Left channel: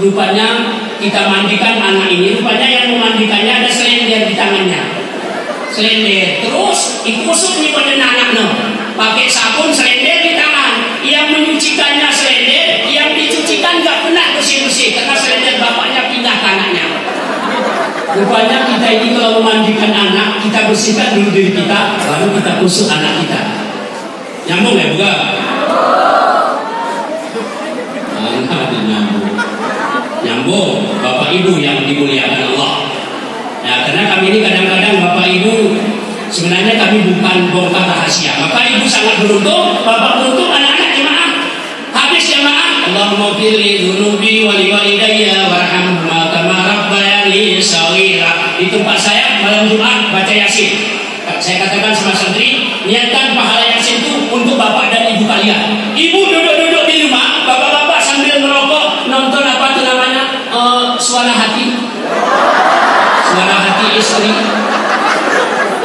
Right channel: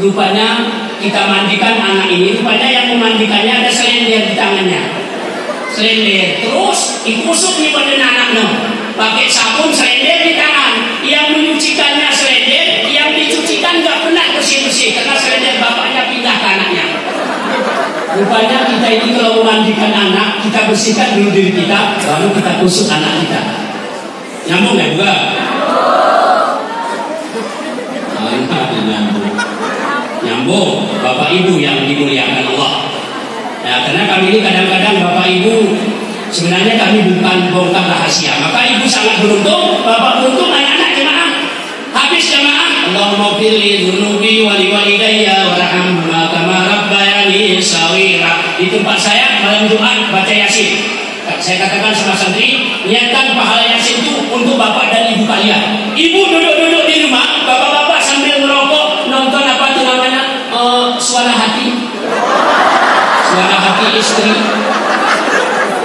Rupanya kita mandikan anak ini, rupanya yang memandikannya ada selender di tangannya. Selender, terus ikusut nih pada anaknya. Pakai sabun selender di tangan. Yang menyucikannya selender, yang dicucikan nggak pernah bersih-bersih karena selender bapaknya pindah ke anaknya. Rupanya kita ini kalau memandikan anak, kita bersihkan dulu diri kita, baru kita kusut anak kita. Nyambung ya bukan? Nyambung, Bapak Ibu yang dimuliakan Allah. Nah, karena kami ini kadang-kadang Bapak Ibu sebenarnya kami bukan bongkar rahasia. Maka Ibu sangat beruntung, Bapak beruntung, anak-anak jemaah. Habis jemaah, Allahumma firli dzunubi wa liwalidayya warhamhuma kama rabbayani shaghira. Di tempat saya malam Jumat baca Yasin. Saya katakan sama santri, niatkan pahala Yasin itu untuk bapak dan ibu kalian. Ibu duduk-duduk di rumah, bapak-bapak sambil merokok, nonton apa itu namanya, suara hati. Suara hati istri.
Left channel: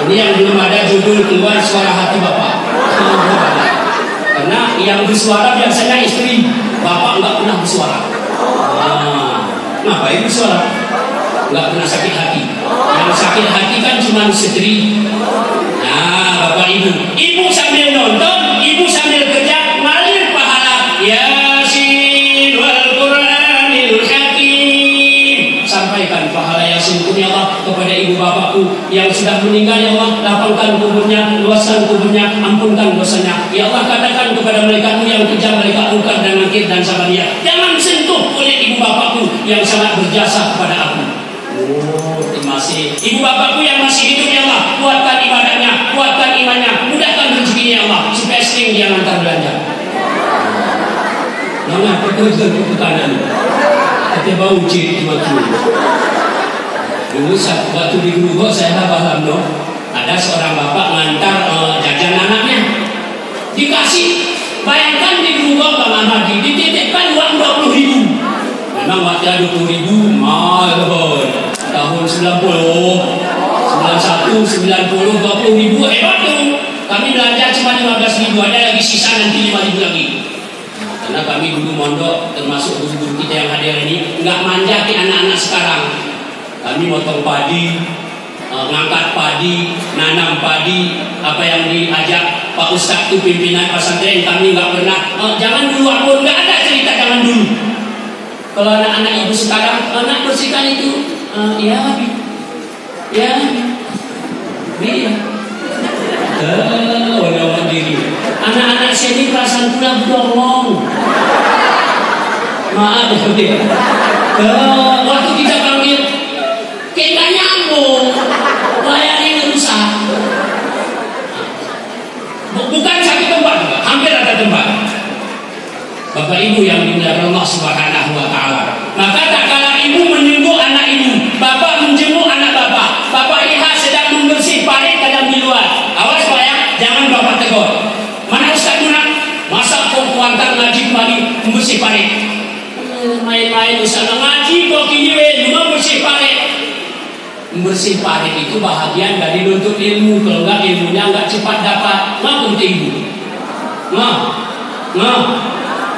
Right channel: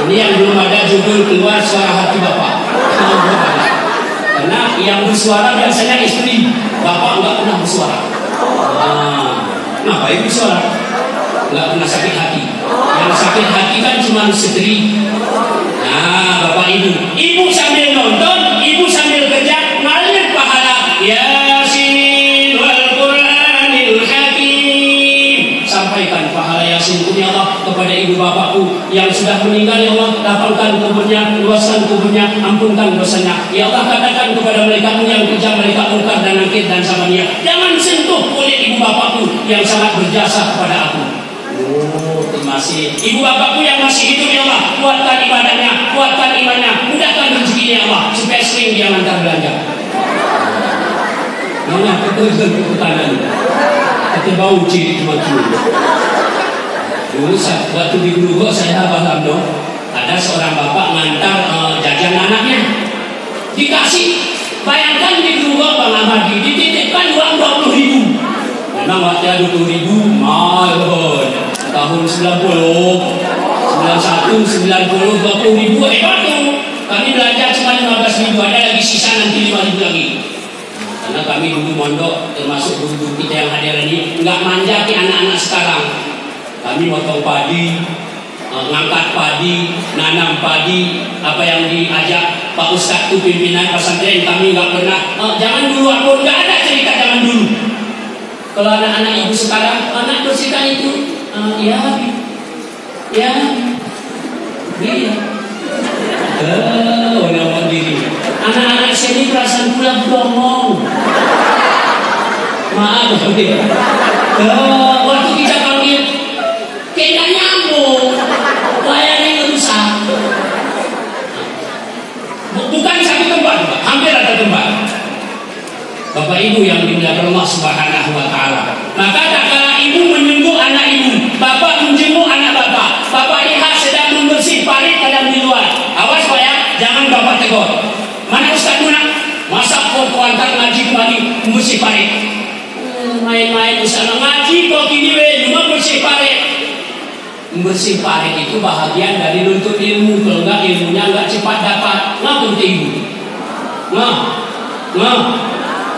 Ini yang belum ada judul keluar, suara hati bapak. Karena yang bersuara biasanya istri, bapak nggak pernah bersuara. Ngapain bersuara? Nggak pernah sakit hati. Yang sakit hati kan cuma istri. Nah, Bapak Ibu sambil nonton, Ibu sambil kerja, ngalir pahala Yasin wal Qur'anil Hakim. Sampaikan pahala Yasin ya Allah kepada ibu bapakku yang sudah meninggal ya Allah, lapangkan kuburnya, luaskan kuburnya, ampunkan dosanya. Ya Allah, katakan kepada mereka-Mu yang kejam, mereka Munkar dan Nakir dan Sabaniyah, jangan sentuh kulit ibu bapakku yang sangat berjasa kepada aku. Oh, terima kasih. Ibu bapakku yang masih hidup ya Allah, kuatkan ibadahnya, kuatkan imannya, mudahkan rezekinya ya Allah, supaya sering dia antar belanja. Nona, pekerjaan pertanyaan ini. Tapi bau ciri macam dulu waktu di Grogol saya paham dong. Ada seorang bapak ngantar jajan anaknya, dikasih. Bayangkan di Grogol Bang Ahmad dititipkan uang 20.000. Memang waktunya 20.000 mahal. Tahun 90, 91, 90, 20.000 hebat tuh. Kami belanja cuma 15.000, ada lagi sisa nanti 5.000 lagi. Karena kami dulu mondok, termasuk guru-guru kita yang hadir ini, nggak manja ke anak-anak sekarang. Kami motong padi, ngangkat padi, nanam padi, apa yang diajak Pak Ustadz itu pimpinan pesantren, kami nggak pernah. Jangan dulu aku nggak ada cerita jangan dulu. Kalau anak-anak ibu sekarang, anak bersihkan itu, iya. Orang diri. Anak-anak sini perasaan pulang dongong. Maaf ya. Waktu kita panggil, kita nyambung, layarnya rusak. Bukan satu tempat, hampir ada tempat. Bapak Ibu yang dimuliakan Allah Subhanahu wa taala. Maka tak kala ibu menjenguk anak ibu, bapak menjenguk anak bapak. Bapak lihat sedang membersih parit kadang di luar. Awas Pak ya, jangan bapak tegur. Mana Ustaz Munak? Masa kau antar ngaji kembali membersih parit? Main-main Ustaz ngaji kok gini cuma bersih parit. Membersih parit itu bahagian dari nuntut ilmu. Kalau enggak ilmunya enggak cepat dapat. Ngaku ibu.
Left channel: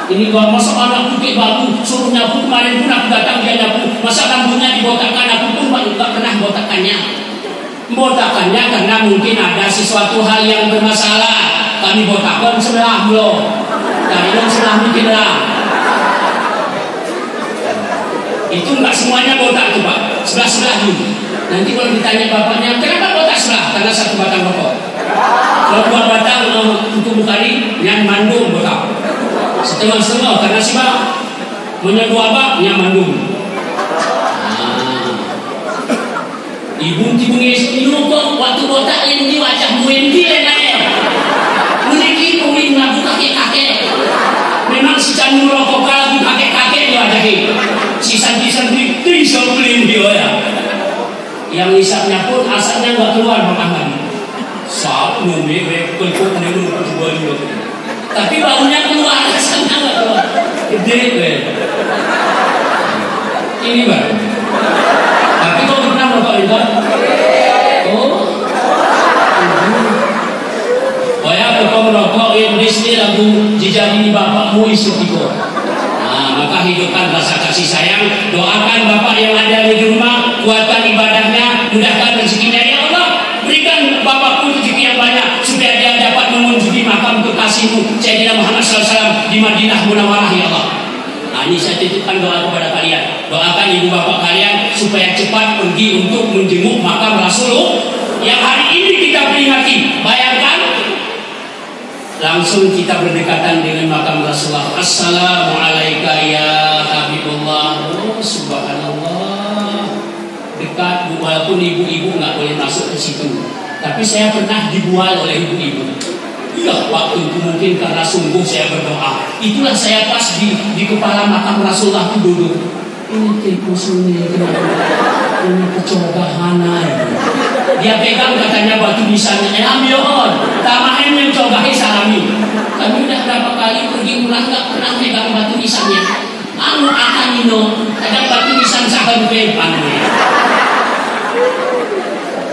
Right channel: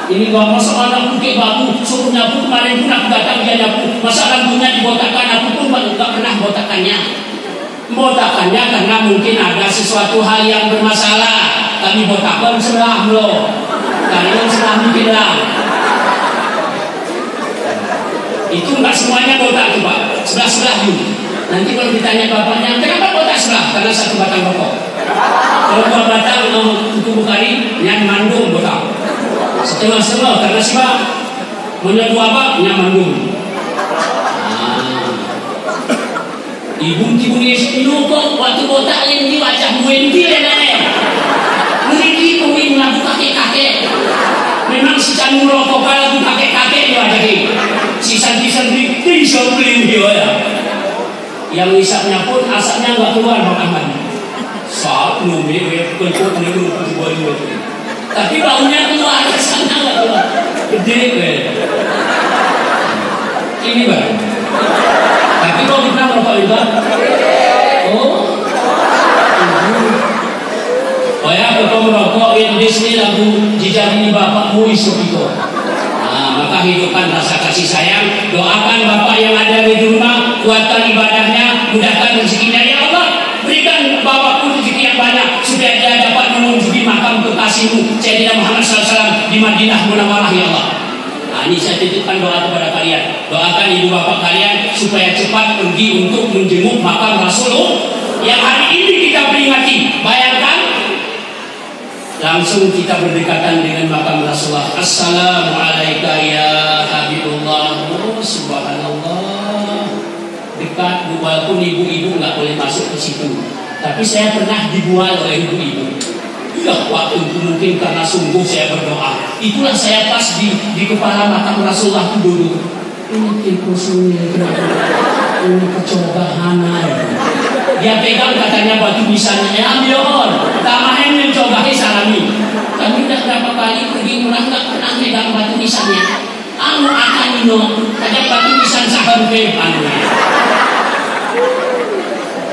Ini kalau masa anak putih babu suruh nyapu, kemarin pun aku datang dia nyapu, masa rambutnya dibotakkan, aku pun nggak pernah botakannya. Botakannya karena mungkin ada sesuatu hal yang bermasalah. Kami botakkan sebelah lo, kalian sebelah bikin lah. Itu nggak semuanya botak tuh Pak, sebelah dulu. Nanti kalau ditanya bapaknya, kenapa botak sebelah? Karena satu batang rokok. Kalau 2 batang kuku bukari, yang mandung botak. Setengah-setengah karena siapa menyatu apa nyamandung. Ibu kok waktu botak yang di wajah muenti lenane. Mungkin pengin lagu kakek-kakek. Memang si canung rokok lagu kakek-kakek di wajah ini. Si santri-santri bisa beli dia ya. Yang isapnya pun asapnya nggak keluar Bang Ahmad. Saat ngombe kok dia lupa coba dia. Tapi baunya keluar, rasanya nggak keluar. Gede, ini Bang. Tapi kok pernah merokok juga? Oh ya, kalau merokok ini lagu jejak ini bapakmu isuk itu. Nah, maka hidupkan rasa kasih sayang. Doakan bapak yang ada di rumah, kuatkan ibadahnya, mudahkan rezekinya. Ya Allah, berikan bapakku rezeki yang banyak supaya dia dapat mengunjungi makam kekasihmu Sayyidina Muhammad SAW di Madinah Munawwarah. Ya Allah. Nah, ini saya titipkan doa kepada kalian. Doakan ibu bapak kalian supaya cepat pergi untuk menjenguk makam Rasulullah yang hari ini kita peringati. Bayangkan, langsung kita berdekatan dengan makam Rasulullah. Assalamualaikum ya Habibullah. Oh, subhanallah. Dekat, walaupun ibu-ibu nggak boleh masuk ke situ. Tapi saya pernah dibual oleh ibu-ibu. Ya, waktu itu mungkin karena sungguh saya berdoa. Itulah saya pas di kepala makam Rasulullah itu duduk. Ini kilpusuni, ini kecogahan. Dia pegang katanya batu nisannya, ambil tamahen yang cogahi salami. Kami udah berapa kali pergi murah nggak pernah pegang batu nisannya. Anu akan ino, ada batu nisan sahan pepan.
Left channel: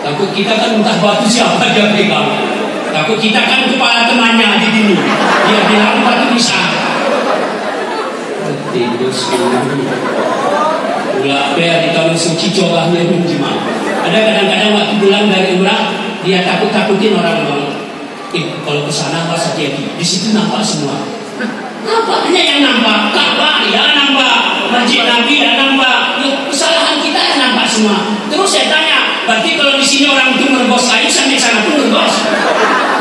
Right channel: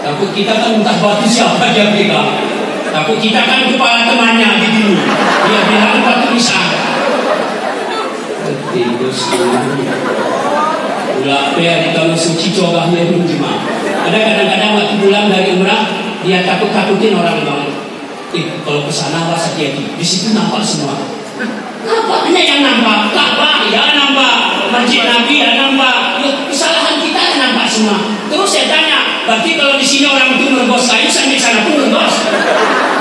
Takut kita kan entah batu siapa dia pegang. Takut kita kan kepala temannya di sini. Dia bilang batu nisan. Terus ulah per kalau suci cogahnya itu gimana? Ada kadang-kadang waktu pulang dari umrah dia takut-takutin orang banget. Kalau kesana awas hati-hati. Di situ nampak semua. Apanya yang nampak? Ka'bah ya nampak, Masjid Nabi ya nampak. Loh, kesalahan kita ya nampak semua. Terus saya tanya, berarti kalau di sini orang itu meregos kayu, sampai sana pun meregos.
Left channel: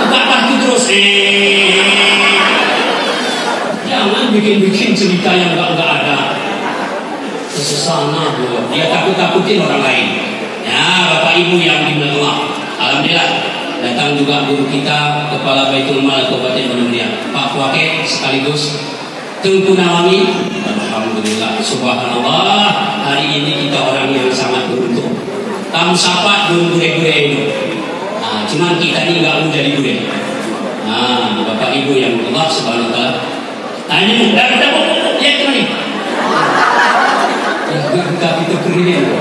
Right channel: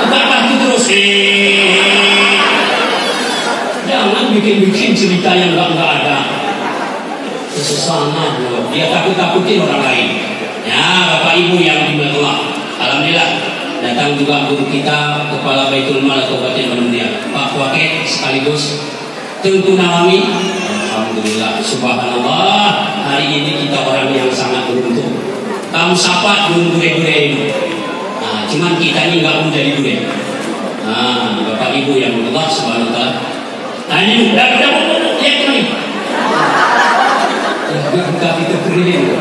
Ka'bah itu terus. Jangan bikin-bikin cerita yang enggak ada. Sesana bro, dia takut-takutin orang lain. Ya, Bapak Ibu yang dimuliakan Allah, alhamdulillah datang juga guru kita, Kepala Baitul Mal Kabupaten Bandung Raya, Pak Wake sekaligus Tengku Nawami. Alhamdulillah, subhanallah, hari ini kita orang yang sangat beruntung. Kamu sapa guru gede-gede itu. Nah, cuman kita ini nggak mau jadi gede. Nah, Bapak Ibu yang Allah subhanahu wa ta'ala. Nah, ini udah lihat kemana? Kita berdiri.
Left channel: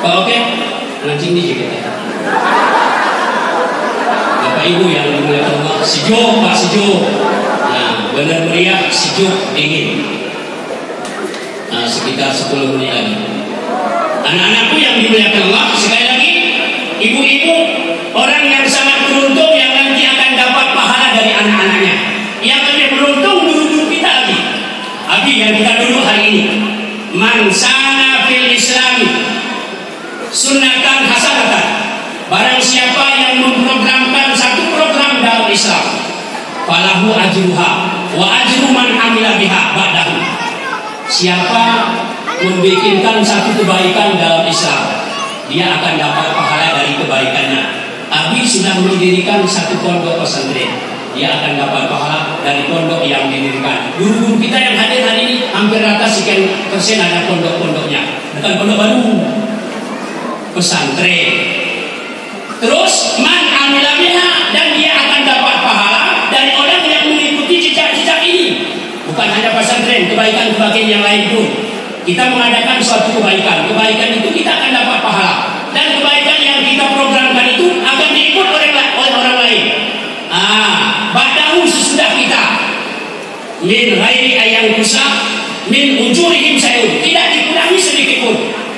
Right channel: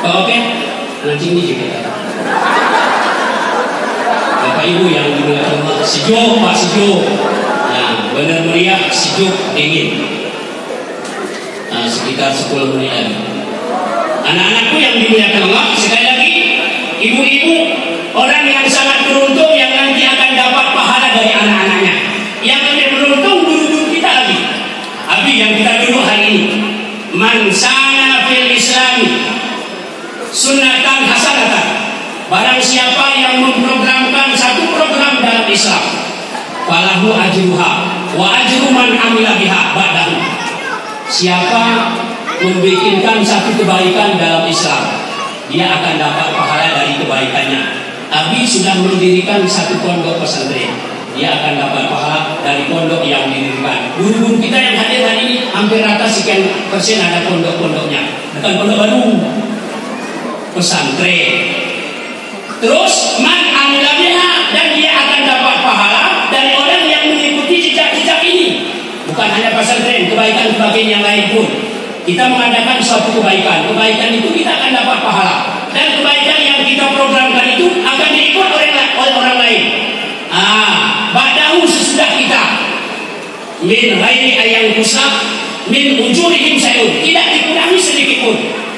Oke, lancing nih kita. Bapak Ibu yang dimuliakan Allah, sejuk Pak, sejuk. Nah, benar meriah, sejuk, dingin. Nah, sekitar 10 menit lagi. Anak-anakku yang dimuliakan Allah, sekali lagi, ibu-ibu orang yang sangat beruntung yang nanti akan dapat pahala dari anak-anaknya. Yang lebih beruntung guru-guru kita lagi. Abi yang kita duduk hari ini. Man sana fil islami sunnatan hasanatan. Barang siapa yang memprogramkan satu program dalam Islam, falahu ajruha wa ajru man amila biha ba'dahu. Siapa membikinkan satu kebaikan dalam Islam, dia akan dapat pahala dari kebaikannya. Abi sudah mendirikan satu pondok pesantren, dia akan dapat pahala dari pondok yang didirikan. Guru-guru kita yang hadir hari ini hampir rata sekian persen ada pondok-pondoknya. Bukan pondok baru, pesantren. Terus man amila biha, dan dia akan dapat pahala dari orang yang mengikuti jejak-jejak ini. Bukan hanya pesantren, kebaikan-kebaikan yang lain pun. Kita mengadakan suatu kebaikan. Kebaikan itu kita akan dapat pahala. Dan kebaikan yang kita programkan itu akan diikut oleh orang lain. Ba'dahu sesudah kita. Min ghairi ayang kusah min ujurihim sayun. Tidak dikurangi sedikit pun.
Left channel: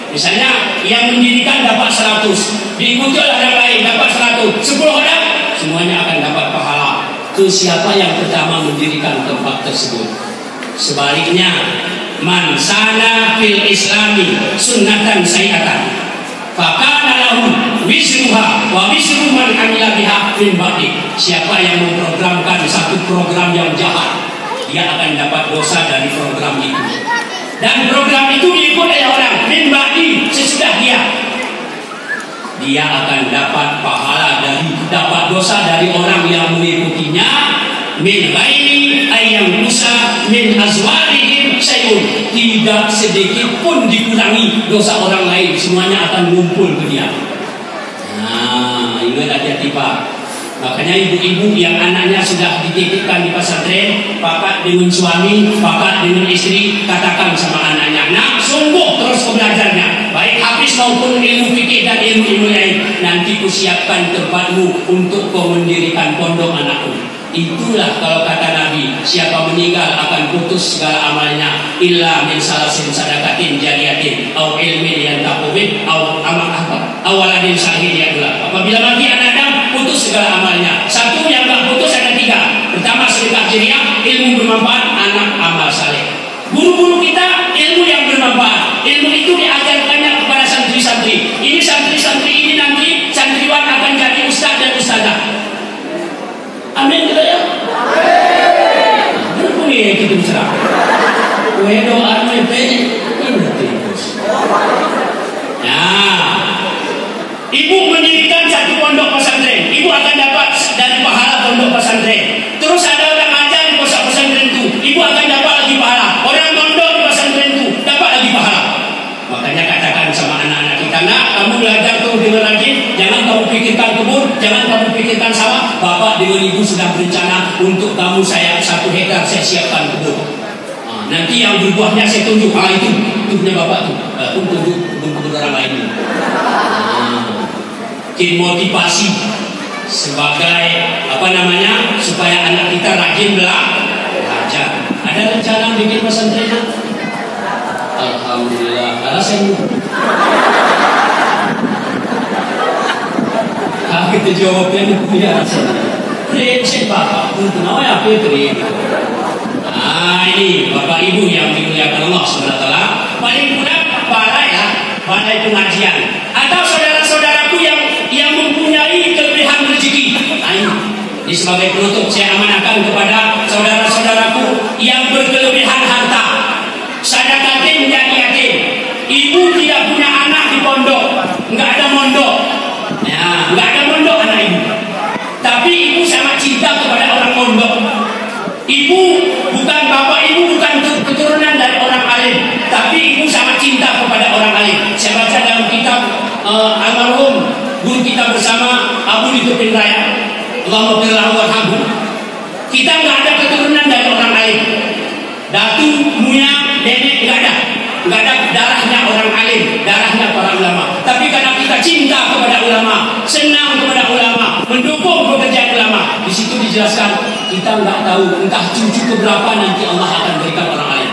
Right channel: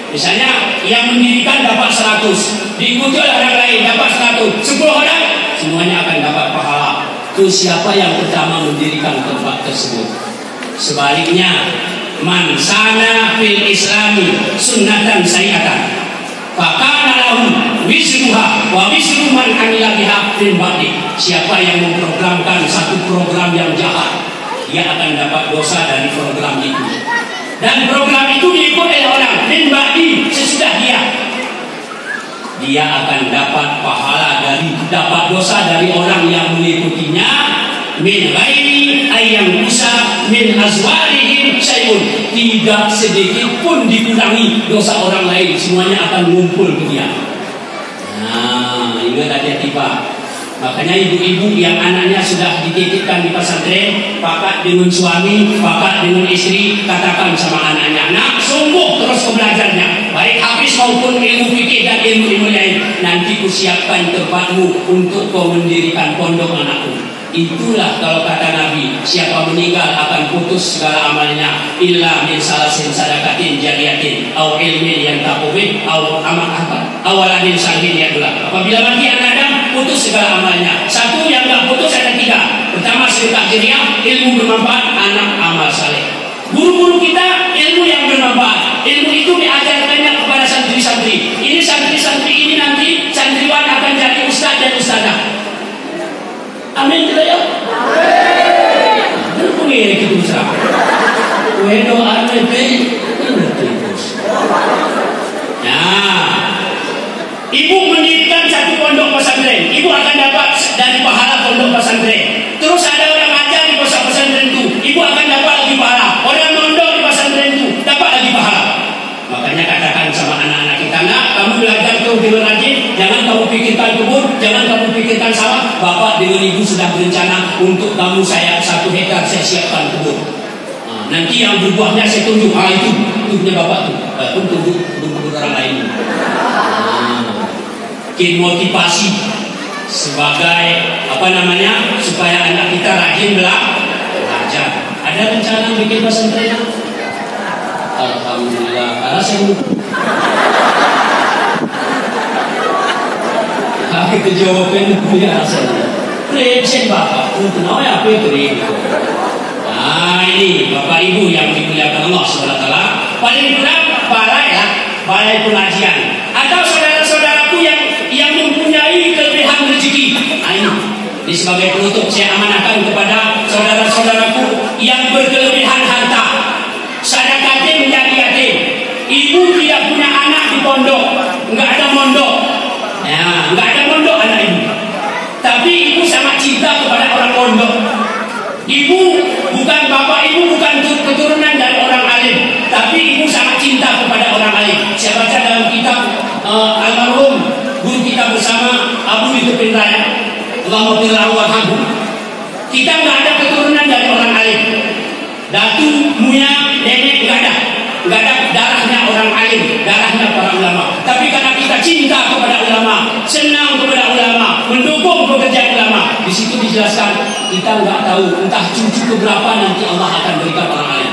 Misalnya yang mendirikan dapat 100, diikuti oleh orang lain dapat 100, 10 orang, semuanya akan dapat pahala. Itu siapa yang pertama mendirikan tempat tersebut. Sebaliknya, man sana fil islami sunnatan sayyatan, fakana lahu wisruha wa wisru man amila biha min ba'di. Siapa yang memprogramkan satu program yang jahat, dia akan dapat dosa dari program itu. Dan program itu diikuti oleh orang min ba'di sesudah dia. Dia akan dapat pahala dari dapat dosa dari orang yang mengikutinya. Min ghairi ayyam musa min azwarihim sayun. Tidak sedikit pun dikurangi dosa orang lain, semuanya akan ngumpul ke dia. Nah, ingat hati-hati Pak. Makanya ibu-ibu yang anaknya sudah dititipkan di pesantren, pakat dengan suami, pakat dengan istri, katakan sama anaknya, nak sungguh terus belajarnya, baik habis maupun ilmu fikih dan ilmu-ilmu lain. Nanti kusiapkan tempatmu untuk kau mendirikan pondok anakku. Itulah kalau kata Nabi, siapa meninggal akan putus segala amalnya illa min salasin sadaqatin jariyatin au ilmin yantafu bih au awaladin salihin yadullah. Apabila mati anak Adam, putus segala amalnya. Satu yang tak putus ada tiga. Pertama sedekah jariah, ilmu bermanfaat, anak amal saleh. Guru-guru kita ilmu yang bermanfaat. Ilmu itu diajarkannya kepada santri-santri. Ini santri-santri ini nanti santriwan akan jadi ustaz dan ustazah. Amin kita ya. Amin. Ini kita bisa. Kue doa ini terus. Nah, ibu mendirikan satu pondok pesantren, ibu akan dapat dari pahala pondok pesantren. Terus ada orang ngajar di pondok pesantren itu, ibu akan dapat lagi pahala. Orang mondok di pesantren itu dapat lagi pahala. Makanya katakan sama anak-anak kita, nak, kamu belajar terus dengan rajin, jangan kamu pikirkan kebun, jangan kamu pikirkan sawah. Bapak dengan ibu sudah berencana untuk kamu saya 1 hektar saya siapkan kebun. Nanti yang berbuahnya saya tunjuk, itu punya bapak tuh, tunjuk kebun orang lain. Motivasi sebagai supaya anak kita rajin belajar. Ada rencana bikin pesantren? Alhamdulillah. Alasan kita jawabnya punya rasanya. Prinsip bapak pun kenal ya apa itu? Ini bapak ibu yang dimuliakan Allah SWT. Paling kurang balai pengajian atau saudara-saudaraku yang mempunyai kelebihan rezeki. Ini sebagai penutup saya amanahkan kepada saudara-saudaraku yang berkelebihan harta. Sadaqatin jariyatin. Ibu tidak punya anak di pondok, enggak ada mondok. Ya, enggak ada mondok anak ibu. Tapi ibu sangat cinta kepada orang mondok. Ibu bukan bapak ibu bukan keturunan dari orang alim, tapi ibu sangat cinta kepada orang alim. Saya baca dalam kitab almarhum guru kita bersama Abu Yusuf Raya, Allahumma firlahu warhamhu. Kita enggak ada keturunan dari orang alim. Datu, muya, nenek enggak ada darahnya orang alim, darahnya para ulama. Tapi karena kita cinta kepada ulama, senang kepada ulama, mendukung pekerjaan ulama, di situ dijelaskan kita enggak tahu entah cucu keberapa nanti Allah akan berikan orang alim.